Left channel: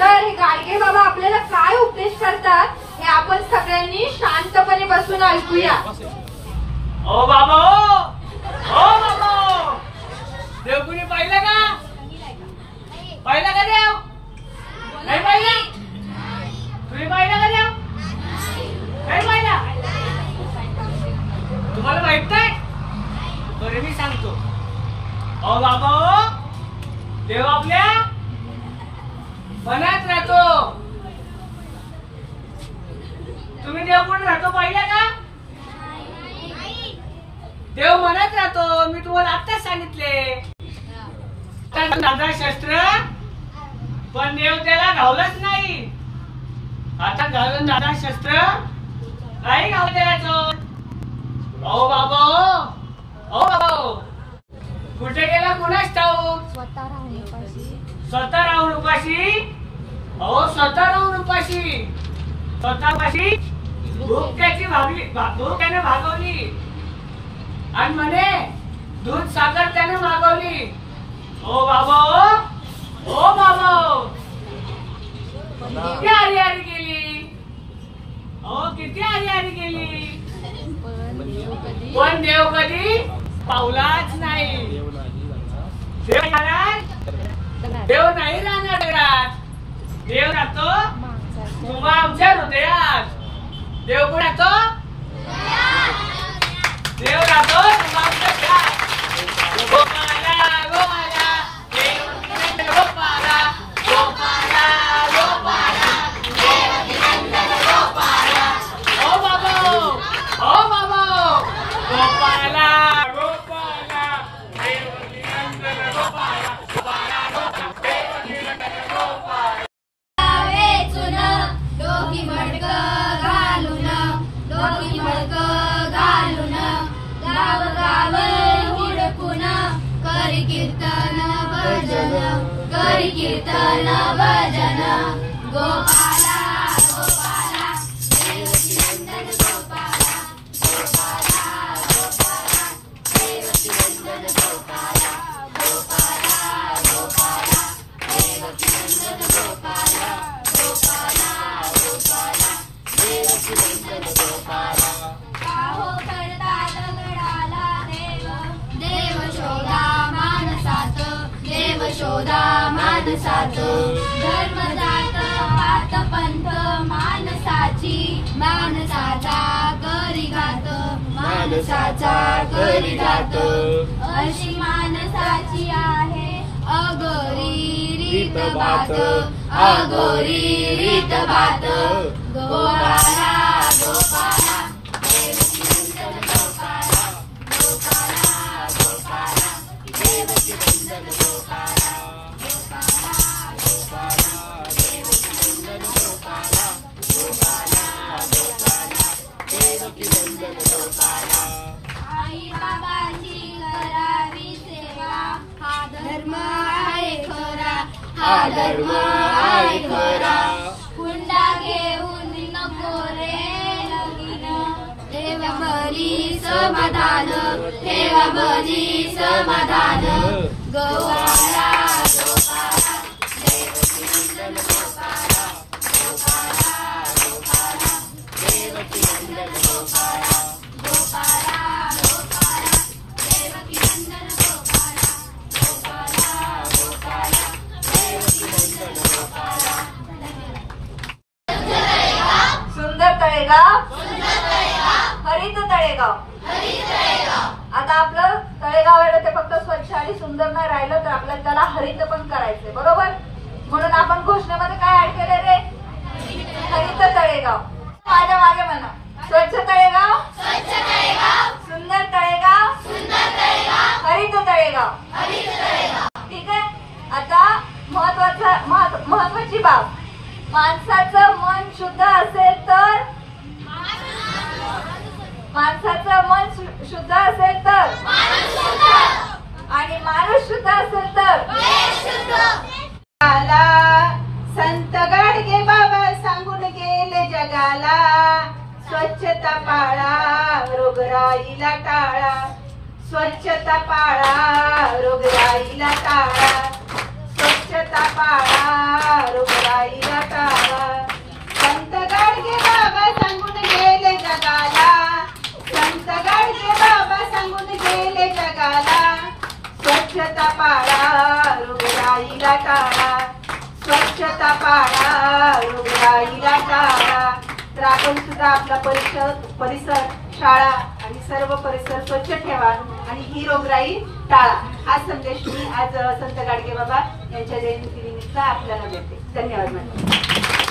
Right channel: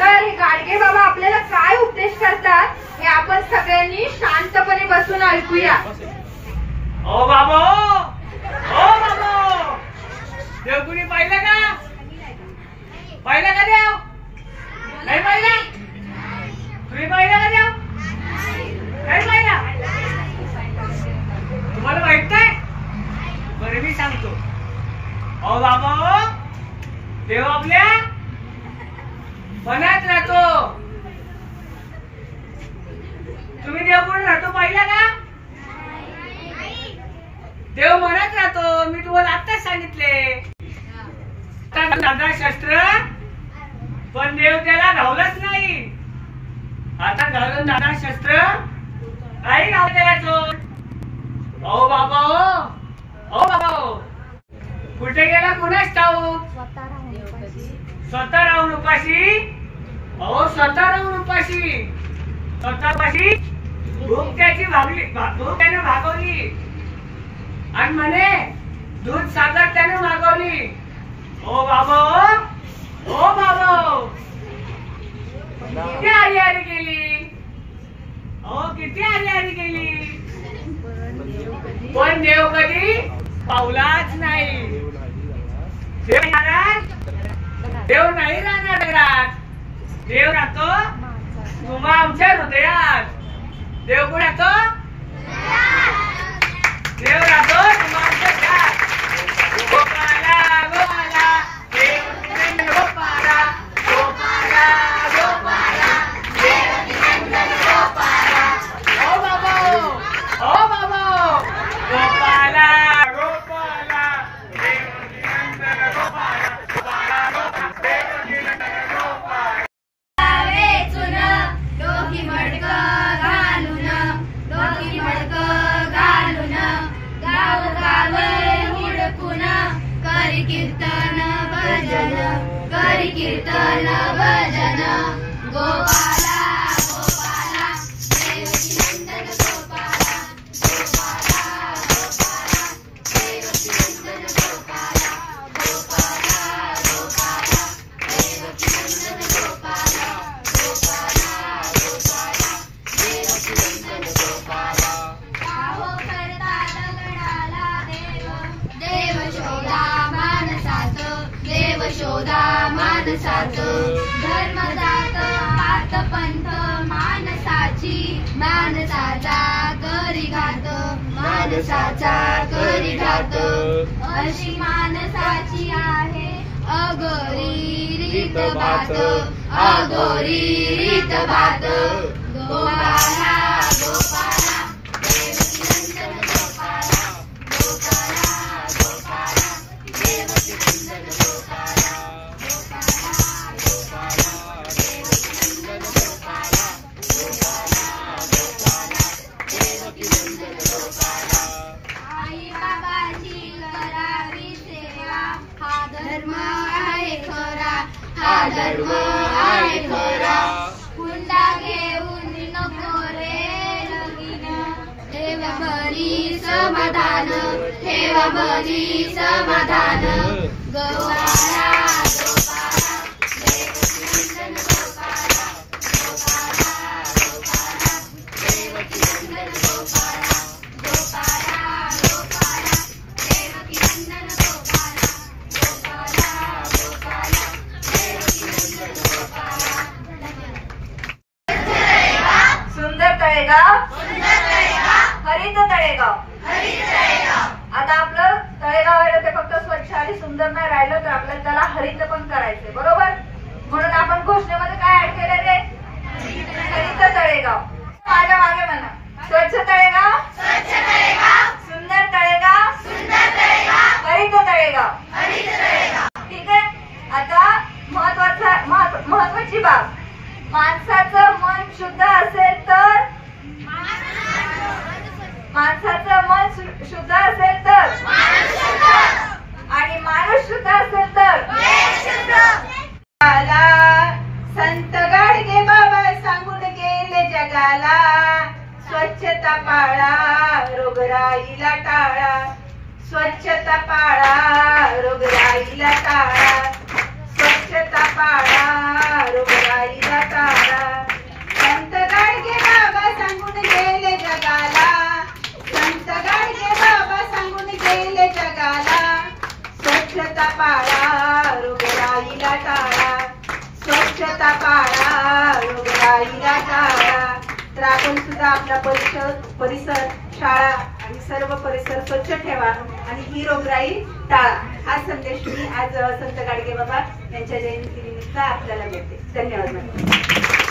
तर हे गाडगे बाबा आपल्याला काय उपदेश करतात हे आपण सगळ्यांनी शांतपणे बसून ऐकूया। ओ बाबा, ओ बाबा, देव कुणी पाहिलं का? पाहिलं का देव? नाही पाहिलं? तुम्ही पाहिलं का देव? नाही पाहिलं? तुम्हाला माहित नाही? बरं मी सांगतो। ओ बाबा, देव आपल्या मनात राहतो। तुम्ही देव कुठे राहतो पाहिलं का? देव मनात राहतो, मी तुम्हाला आत्ताच सांगितले। दादा शस्त्र पण देव त्याला घावलंच नाही। आता घालून दादा शस्त्र काही घावलं त्याला। ओ बाबा, ओ बाबा, कुठे गेला कुणास ठाऊक? स्वतः राहून उपाशी। अहो स्वतः राहून उपाशी, स्वतःपाशी भूक त्याची भागली, भूक त्याने भागवली आणि म्हणे दूध सागर त्याने मागवली। ओ बाबा, ओ बाबा, किती हरिहरी केली, अहो किती हरिहरी केली, पण देव कधी पावलाच नाही। देव नाही राहणार घरात, देव राहतो तुम्हा आमच्या हृदयात। देव कोण राहतो? देव राहतो तुम्हा आमच्या हृदयात। गोपाला गोपाला, देव गोपाला, गोपाला गोपाला, देव गोपाला। ओ बाबा, ओ बाबा, गोपाला गोपाला, देव गोपाला, गोपाला डोकी मडक घालून गाव गाव हुडकून करी कीर्तन भजन, करी कीर्तन भजन। गोपाला गोपाला, देवकी नंदन गोपाला, गोपाला गोपाला, देवकी नंदन गोपाला, गोपाला गोपाला, देवकी नंदन गोपाला, गोपाला गोपाला, देवकी नंदन गोपाला। आहो करता दगडाला देव, देव शोधा मानसात, देव शोधा मानसात। धर्म जात पात पंथ मानसाची, मानसाचा करी घात, मानसाचा करी घात। अशी मानसाची आहे अघोरी रीत बात, अघोरी रीत बात। गोपाला गोपाला, देवकी नंदन गोपाला, गोपाला गोपाला, देवकी नंदन गोपाला, गोपाला गोपाला, देवकी नंदन गोपाला, गोपाला गोपाला, देवकी नंदन गोपाला। आई बाबाची करावी सेवा, हा धर्म आहे खरा, हा धर्म आहे खरा। हुंडा घेऊन नको रे लगीन, ठेवा बरी समाधान, ठेवा बरी समाधान। गोपाला गोपाला, देवकी नंदन गोपाला, गोपाला गोपाला, देवकी नंदन गोपाला, गोपाला गोपाला, देवकी नंदन गोपाला, गोपाला गोपाला, देवकी नंदन गोपाला। सुंदर तळेगाव, हरित तळेगाव, हरित तळेगाव। आता आपलं तळेगाव आहे ते फक्त स्वच्छ आणि सुंदर नाही राहिलं तर आपल्याला त्याला हरित पण करायचंय, बरोबर? म्हणून आपण घोषणेमध्ये काय ऍड केलं रे? हरित तळेगाव। माझ्या मागे म्हणा, स्वच्छ तळेगाव, स्वच्छ तळेगाव, सुंदर तळेगाव, सुंदर तळेगाव, हरित तळेगाव, हरित तळेगाव। ठीक आहे? आता महत्वाची बाब, माणसाचं मन शुद्ध असेल तर, माणसाचं मन शुद्ध असेल तर, आणि माणूस शुद्ध असेल तर संत गाडगे बाबा सांगून गेले जगाला, स्वच्छता पाळा रोगराईला टाळा, स्वच्छता पाळा रोगराईला टाळा, स्वच्छता पाळा रोगराई टाळा, स्वच्छता पाळा, रोगराईला टाळा. तर आपण सुद्धा आपला परिसर, शाळा आणि सर्व परिसर स्वच्छ ठेवा आणि ही रोगराई टाळा. हा संदेश मी आज संत गाडगे बाबा यांच्या जयंतीनिमित्त आपल्याला देते. धन्यवाद मॅडम.